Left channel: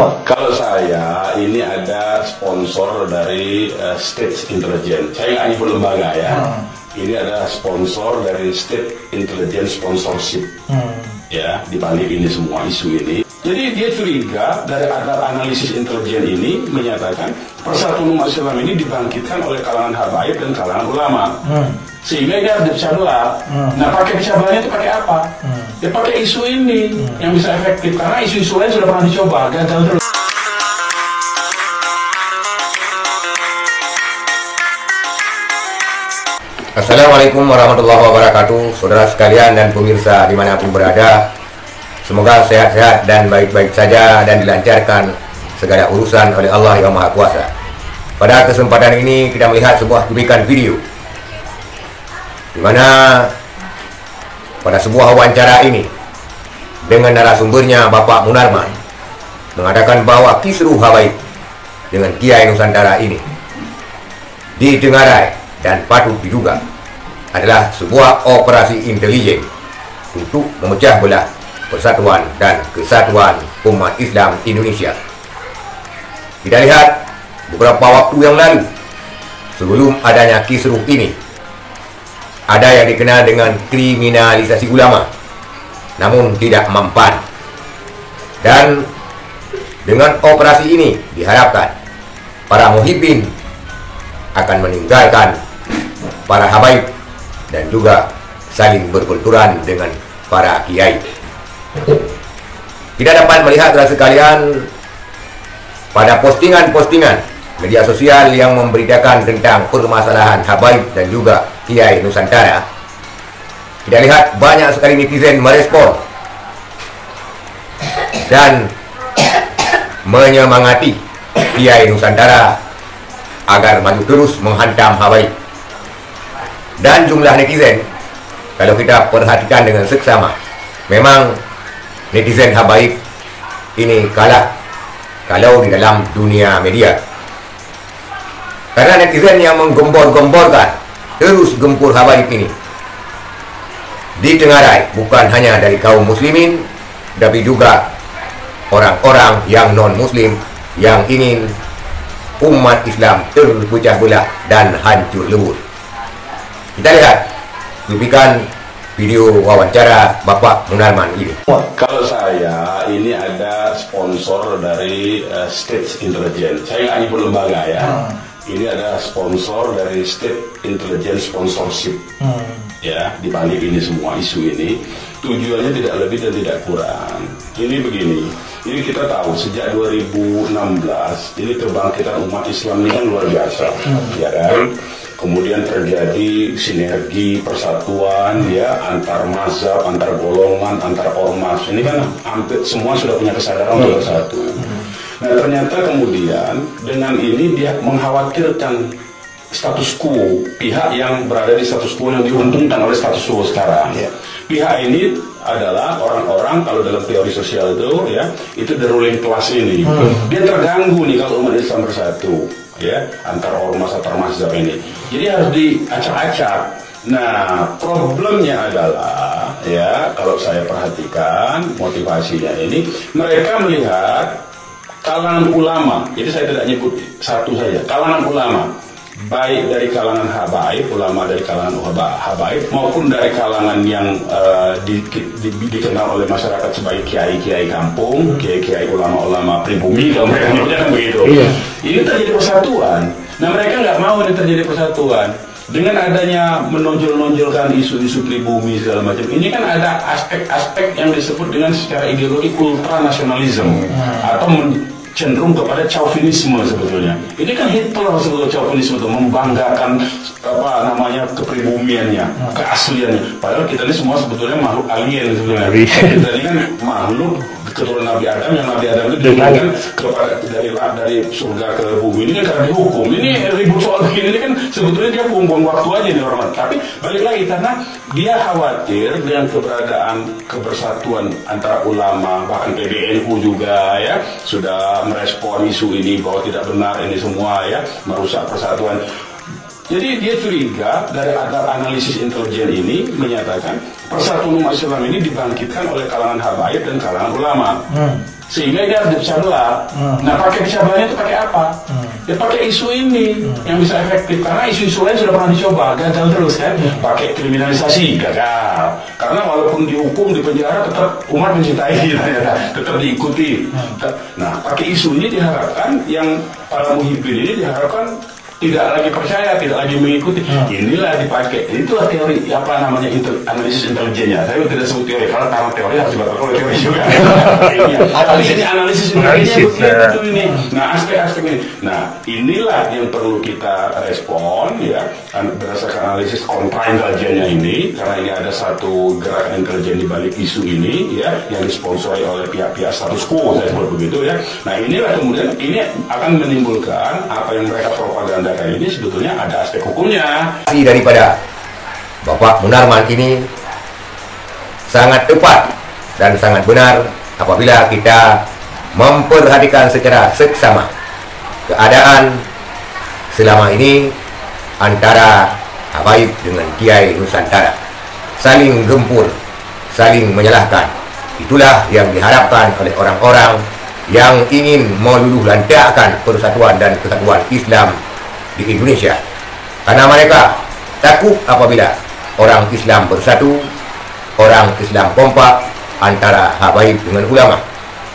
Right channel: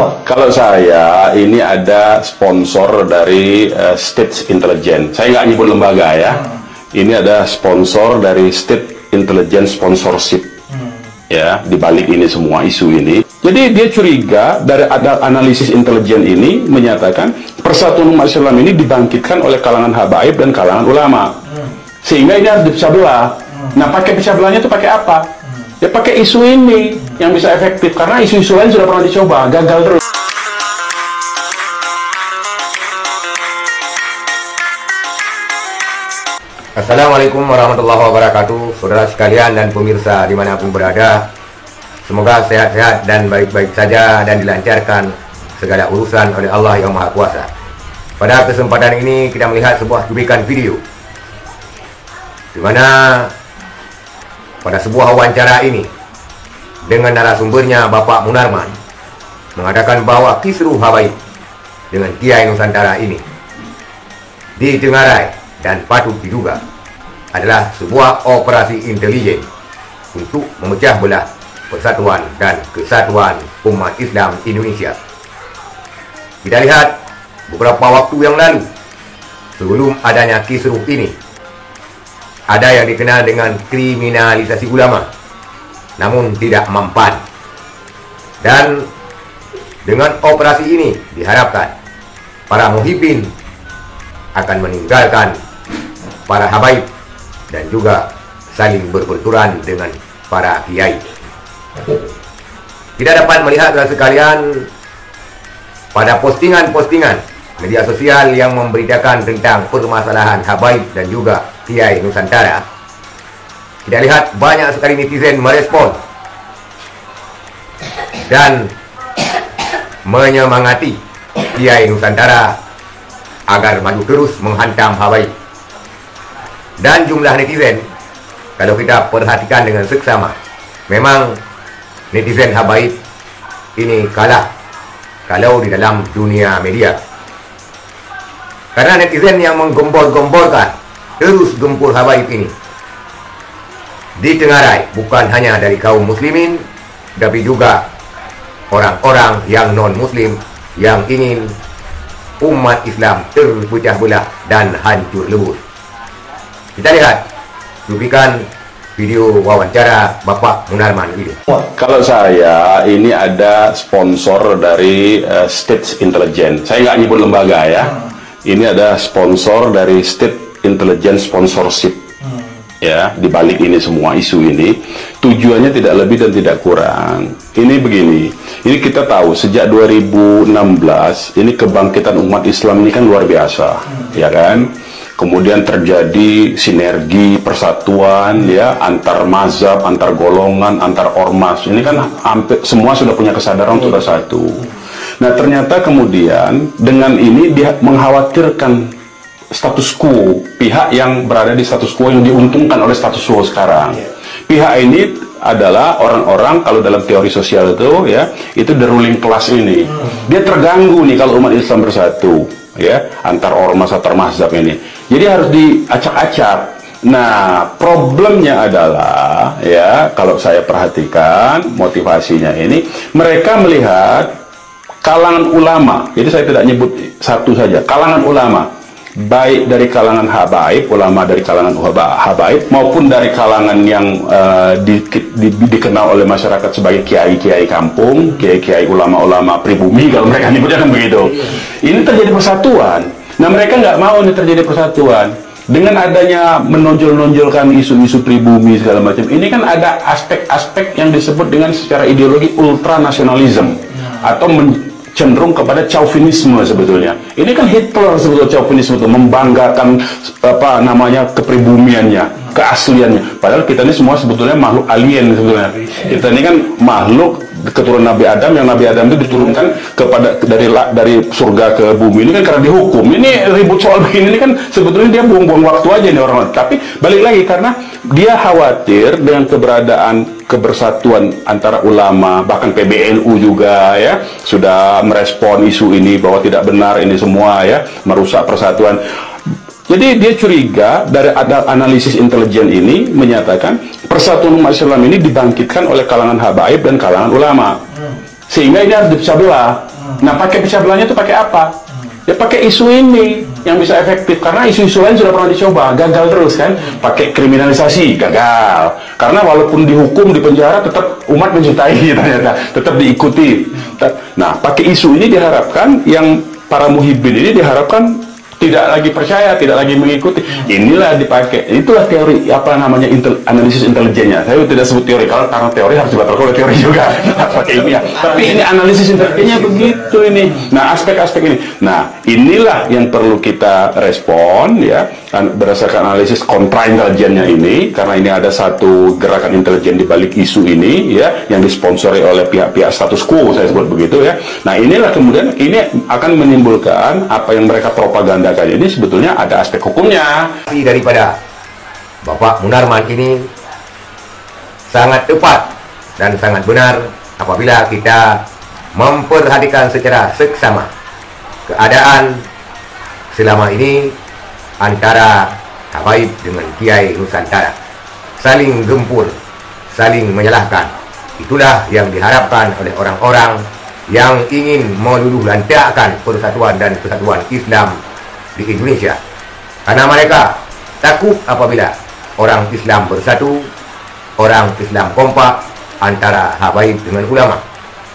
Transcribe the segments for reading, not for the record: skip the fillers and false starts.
Kalau saya, ini ada sponsor dari State Intelligence. Saya nggak nyebut lembaga ya. Ini ada sponsor dari State Intelligence Sponsorship. Ya, di balik ini semua isu ini. Jadi dia curiga dari ada analisis intelijen ini menyatakan persatuan umat Islam ini dibangkitkan oleh kalangan habaib dan kalangan ulama. Sehingga ini harus dipecah belah. Nah, pakai pecah belahnya itu pakai apa? Ya pakai isu ini yang bisa efektif, karena isu-isu lain sudah pernah dicoba, gagal terus. Assalamualaikum warahmatullahi wabarakatuh, saudara sekalian dan pemirsa dimanapun berada. Semoga sehat-sehat dan baik-baik saja dan dilancarkan segala urusan oleh Allah yang Maha Kuasa. Pada kesempatan ini kita melihat sebuah cuplikan video di mana pada sebuah wawancara ini dengan narasumbernya Bapak Munarman mengatakan bahwa kisruh habaib dengan Kiai Nusantara ini ditengarai dan patut diduga adalah sebuah operasi intelijen untuk memecah belah persatuan dan kesatuan umat Islam Indonesia. Kita lihat beberapa waktu yang lalu, sebelum adanya kisruh ini, ada yang dikenal dengan kriminalisasi ulama, namun tidak mempan. Dan dengan operasi ini diharapkan para muhibbin akan meninggalkan para habaib dan juga saling berbenturan dengan para kiai. Kita dapat melihat saudara sekalian pada postingan-postingan media sosial yang memberitakan tentang permasalahan habaib dan juga Kiai Nusantara. Kita lihat banyak sekali netizen merespon dan menyemangati Kiai Nusantara agar maju terus menghantam habaib. Dan jumlah netizen, kalau kita perhatikan dengan seksama, memang netizen habaib ini kalah kalau di dalam dunia media. Karena netizen yang menggembor-gemborkan terus gempur habaib ini ditengarai bukan hanya dari kaum muslimin, tapi juga orang-orang yang non-muslim yang ingin umat Islam terpecah belah dan hancur lebur. Kita lihat cuplikan video wawancara Bapak Munarman ini. Kalau saya, ini ada sponsor dari State Intelligence. Saya nggak nyebut lembaga ya. Ini ada sponsor dari State Intelligence Sponsorship. Ya, di balik ini semua isu ini, tujuannya tidak lebih dan tidak kurang. Ini begini, ini kita tahu sejak 2016 ini kebangkitan umat Islam ini kan luar biasa, ya kan? Kemudian terjadi sinergi persatuan ya antar mazhab, antar golongan, antar ormas. Ini kan hampir semua sudah punya kesadaran untuk bersatu. Nah, ternyata kemudian dengan ini dia mengkhawatirkan status quo, pihak yang berada di status quo yang diuntungkan oleh status quo sekarang. Pihak ini adalah orang-orang, kalau dalam teori sosial itu ya, itu the ruling class ini. Dia terganggu nih kalau umat Islam bersatu ya, antar ormas, antar mazhab ini. Jadi harus diacak-acak. Nah, problemnya adalah ya, kalau saya perhatikan motivasinya ini, mereka melihat kalangan ulama. Jadi saya tidak nyebut satu saja, kalangan ulama, baik dari kalangan habaib, ulama dari kalangan habaib, maupun dari kalangan yang dikenal oleh masyarakat sebagai kiai-kiai kampung, kiai-kiai ulama-ulama pribumi, kalau mereka nyebutnya kan begitu. Ini terjadi persatuan. Nah, mereka nggak mau ini terjadi persatuan. Dengan adanya menonjol-nonjolkan isu-isu pribumi segala macam, ini kan ada aspek-aspek yang disebut dengan secara ideologi ultranasionalisme atau cenderung kepada chauvinisme sebetulnya. Ini kan Hitler sebetulnya chauvinisme itu, membanggakan apa namanya kepribumiannya, keasliannya. Padahal kita ini semua sebetulnya makhluk alien sebetulnya. Kita ini kan makhluk keturunan Nabi Adam, yang Nabi Adam itu diturunkan kepada dari surga ke bumi. Ini kan karena dihukum. Ini ribut soal begini ini kan sebetulnya dia buang-buang waktu aja nih orang. Tapi balik lagi karena dia khawatir dengan keberadaan kebersatuan antara ulama, bahkan PBNU juga ya sudah merespon isu ini bahwa tidak benar ini semua ya, merusak persatuan. Jadi dia curiga dari ada analisis intelijen ini menyatakan persatuan umat Islam ini dibangkitkan oleh kalangan habaib dan kalangan ulama. Sehingga ini harus dipecah belah. Nah, pakai pecah belahnya itu pakai apa? Ya pakai isu ini yang bisa efektif. Karena isu-isu lain sudah pernah dicoba, gagal terus kan. Pakai kriminalisasi, gagal. Karena walaupun dihukum, dipenjara, tetap umat mencintai ternyata, tetap diikuti. Nah, pakai isu ini diharapkan yang para muhibbin ini diharapkan tidak lagi percaya, tidak lagi mengikuti. Inilah dipakai. Itulah teori apa namanya analisis intelijennya. Saya tidak sebut teori karena teori harus dibatalkan oleh teori juga. Pakai ilmiah. Tapi ini analisis intelijennya begitu ini. Nah, aspek-aspek ini. Nah, inilah yang perlu kita respon ya berdasarkan analisis kontra intelijennya ini, karena ini ada satu gerakan intelijen di balik isu ini ya yang disponsori oleh pihak-pihak status quo, saya sebut begitu ya. Nah, inilah kemudian ini akan menimbulkan apa yang mereka propaganda ini sebetulnya ada aspek hukumnya. Daripada Bapak Munarman ini sangat tepat dan sangat benar apabila kita memperhatikan secara seksama keadaan selama ini antara Habaib dengan Kiai Nusantara, saling gempur, saling menyalahkan. Itulah yang diharapkan oleh orang-orang yang ingin meluluh lantakkan persatuan dan kesatuan Islam di Indonesia, karena mereka takut apabila orang Islam bersatu, orang Islam kompak antara habaib dengan ulama,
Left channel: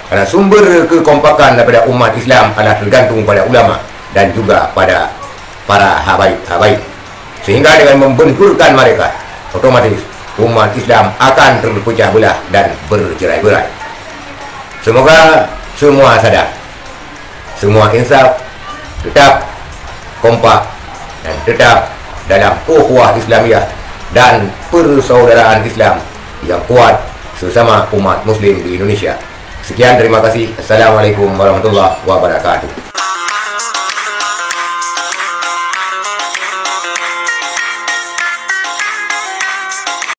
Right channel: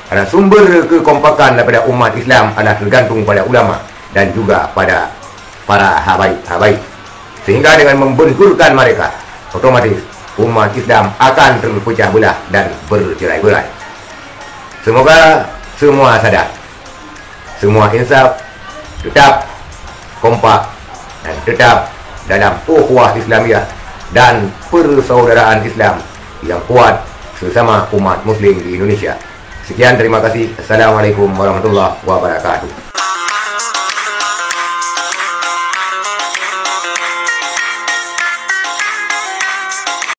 karena sumber kekompakan daripada umat Islam adalah tergantung pada ulama dan juga pada para habaib, sehingga dengan membenturkan mereka otomatis umat Islam akan terpecah belah dan bercerai-berai. Semoga semua sadar, semua insaf, tetap kompak dan tetap dalam ukhuwah Islamiyah dan persaudaraan Islam yang kuat sesama umat muslim di Indonesia. Sekian, terima kasih. Assalamualaikum warahmatullahi wabarakatuh.